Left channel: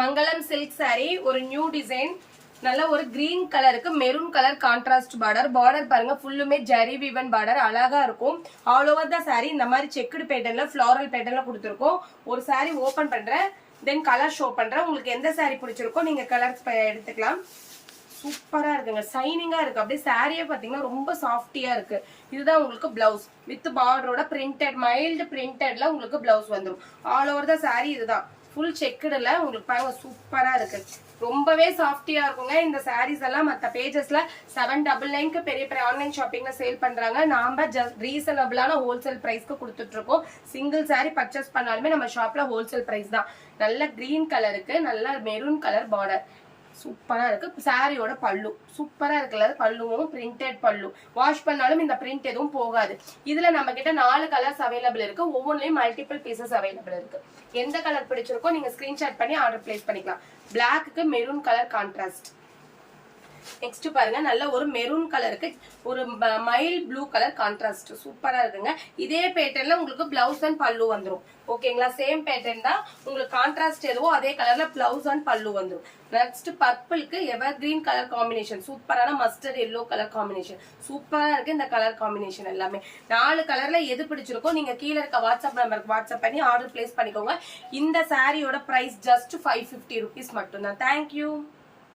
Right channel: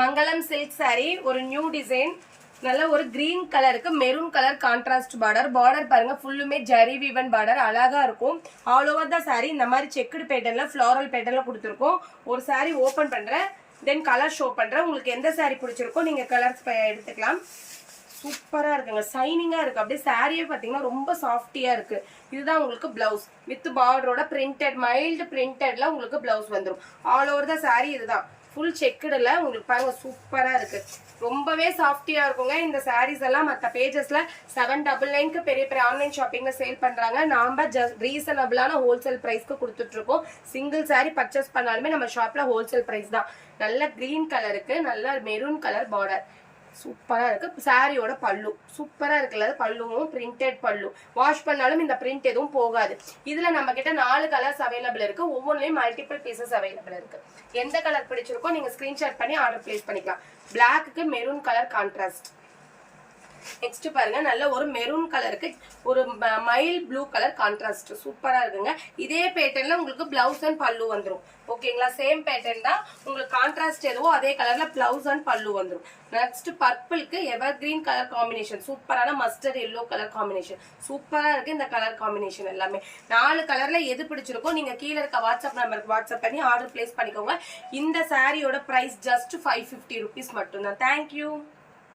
மங்களம் silk sorry ஒரு new design நல்ல ஒரு கிரீன் கலருக்கு மெரூன் கலர் கான்ட்ராஸ்ட் பார்டர் பாருங்க ஃபுல்லுமே ஜரி வீவன் பார்டர் அழகா இருக்கும். ஆல் ஓவர் த சாரி இந்த மாதிரி செக்குடு பேட்டர்ன்ல ஃபிளாரல் பேட்டர்ன்ல கொடுத்துருக்கோம். ஒரு சாரி ஓபன் பண்றேன், தென் கலர் ஷோ பண்றேன். உங்களுக்கு எந்த சாரி பிடிச்சிருக்கோ நீங்க கலர்ஸ் எடுத்துக்கலாம். சூப்பரா இருக்குங்க, சைனிங்கா இருக்கு. அப்படியே சாரியே பாத்தீங்கன்னா ரொம்ப சாஃப்டியா இருக்கு. இதுதான் உங்களுக்கு பிளவுஸ் வித் பார்டரோட பிரிண்டட் மைல்டு பிரிண்டட்ல உங்களுக்கு பிளவுஸ் வந்துடும். ஆல் ஓவர் த சாரி இதுதான் ஃபுல் செக்குடுல உங்களுக்கு பாருங்க சூப்பரா இருக்கு. ரொம்பவே சாஃப்டியா இருக்குங்க. இந்த சாரீஸ் எல்லாம் மற்ற பேஜஸ்ல 799க்கு பெரிய பெரிய ஆன்லைன் ஷாப்பிங்ல சேல் பண்றாங்க. நாம ரீசனபிளான ஹோல்சேல் பிரைஸ்க்கு கொடுத்துட்டு இருக்கோம். சிங்கிள் சாரி பர்ச்சேஸ் பண்ணாலுமே நம்ம ஷாப்ல ஹோல்சேல் பிரைஸ் தான். நல்ல கிரீன் கலருக்கு நல்ல மெரூன் கலர் பார்டர் சூப்பரா இருக்கு. சாரியோட பல்லு சூப்பரா இருக்குல்ல, பல்லுவும் பிரிண்டட் பல்லு. வாஷ் பண்ணாலும் இந்த பிரிண்ட் எதுவும் போகாது. இதுல நம்ம கிட்ட 4 கலர்ஸ் அவைலபிள் இருக்கு. ஒவ்வொன்றுலயும் மல்டிபிள் பீசஸ் அவைலபிள் இருக்கு. எந்த கலர் பிடிச்சிருக்கோ நீங்க ஸ்கிரீன்ஷாட் பண்ணி ஆர்டர் பிளேஸ் பண்ணிக்கலாம். Black maroon colour contrast. Next பாருங்க நல்ல ஒரு மெரூன் கலருக்கு ஒரு மைல் ப்ளூ கலர் கான்ட்ராஸ்ட் சூப்பரா இருக்குங்க. இதே பேட்டர்ன்ல உங்களுக்கு பிளவுஸ் அண்ட் பல்லு வந்துரும். ஓகேங்களா, சேம் பேட்டர்ன் தான். உங்களுக்கு கான்ட்ராஸ்ட் எதுவோ அதே கலர்ல பிளவுஸ் அண்ட் பல்லு வந்துரும். நெக்ஸ்ட் பர்பிளுக்கு எவர் கிரீன் கலர் காம்பினேஷன் சூப்பரான மஸ்டர்ட் எல்லோ கலர் காம்பினேஷன் சூப்பரா இருக்கு. இந்த கலர் காம்பினேஷன் எல்லாமே 4 கலர்ல எது பிடிச்சிருக்கோ நீங்க கீழே இருக்க வாட்ஸ்அப் நம்பருக்கு வாட்ஸ்அப் பண்ணி ஆர்டர் பிளேஸ் பண்ணிக்கோங்க. இந்த சாரியோட பிரைஸ் ஜஸ்ட் 550 rupees மட்டும்தான். தேங்க்யூ.